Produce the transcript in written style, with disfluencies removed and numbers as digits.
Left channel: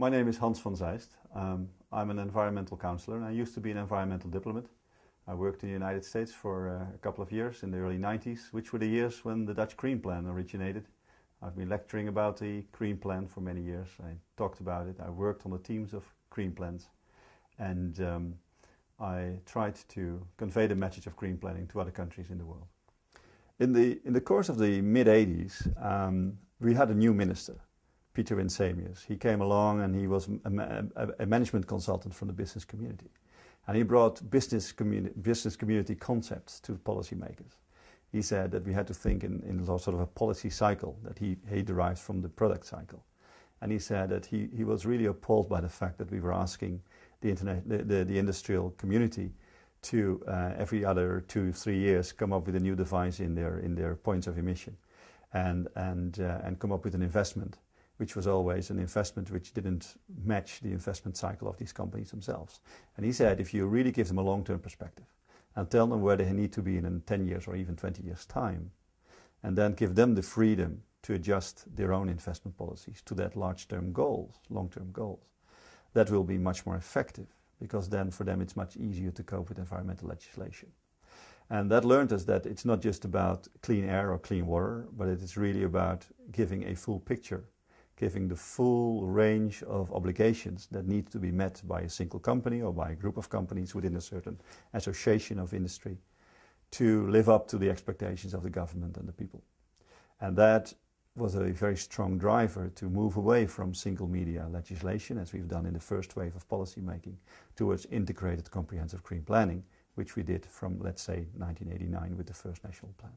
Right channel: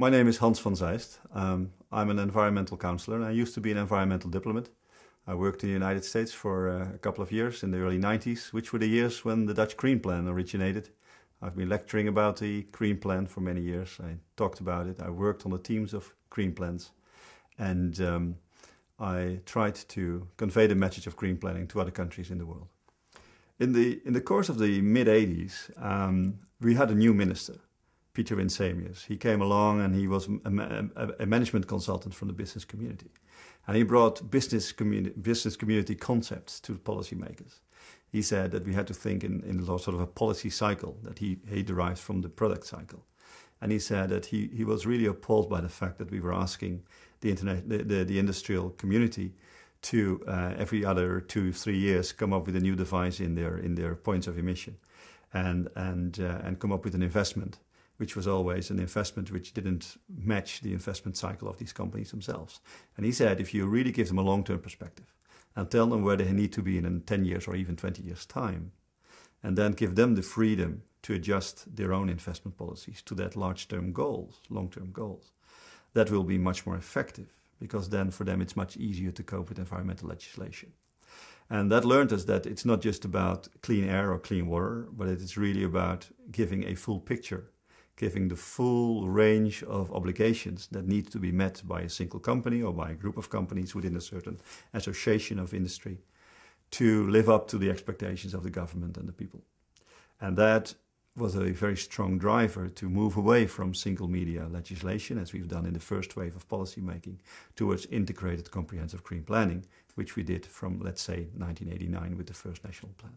My name is Hans van Zijst. I'm an environmental counselor and I used to be an environmental diplomat. I worked in the United States for a couple of years in the early 90s, which were the years when the Dutch Green Plan originated. I've been lecturing about the Green Plan for many years. I talked about it. I worked on the teams of Green Plans. And I tried to convey the message of green planning to other countries in the world. In the course of the mid-80s, we had a new minister, Peter Winsemius. He came along and he was a management consultant from the business community. And he brought business community concepts to policymakers. He said that we had to think in sort of a policy cycle that he derived from the product cycle. And he said that he was really appalled by the fact that we were asking the industrial community to every other 2-3 years come up with a new device in their points of emission and come up with an investment, which was always an investment which didn't match the investment cycle of these companies themselves. And he said if you really give them a long-term perspective and tell them where they need to be in 10 years or even 20 years' time, and then give them the freedom to adjust their own investment policies to that long-term goals, that will be much more effective, because then for them it's much easier to cope with environmental legislation. And that learned us that it's not just about clean air or clean water, but it is really about giving a full picture, giving the full range of obligations that need to be met by a single company or by a group of companies within a certain association of industry to live up to the expectations of the government and the people. And that was a very strong driver to move away from single media legislation, as we've done in the first wave of policy making, towards integrated comprehensive green planning, which we did from, let's say, 1989 with the first national plan.